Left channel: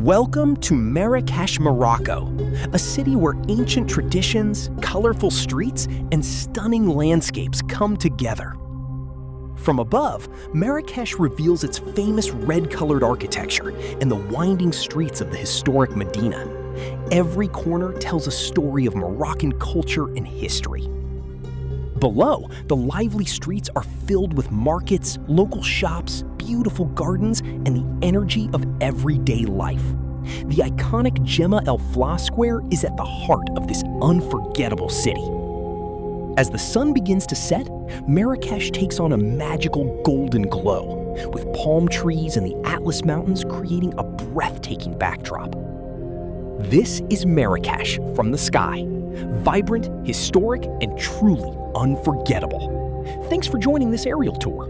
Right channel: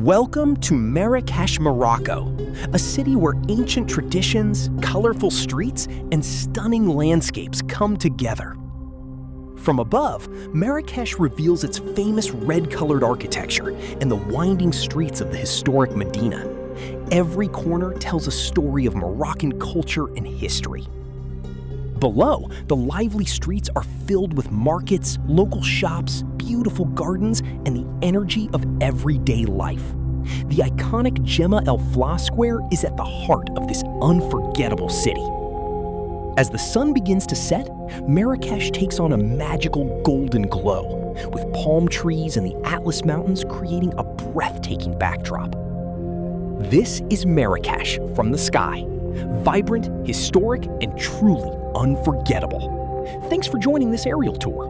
Welcome to Marrakesh, Morocco, a city where ancient traditions, colorful streets, and stunning landscapes come together. From above, Marrakesh reveals its famous red-colored architecture and the winding streets of the historic Medina. Every corner tells a story of Moroccan culture and history. Below, the lively streets are filled with markets, local shops, beautiful gardens, and the energy of everyday life. The iconic Jemaa el-Fnaa square is at the heart of this unforgettable city. As the sun begins to set, Marrakesh takes on a magical golden glow, with palm trees and the Atlas Mountains creating a breathtaking backdrop. This is Marrakesh from the sky, vibrant, historic, and truly unforgettable. Thanks for joining this aerial tour.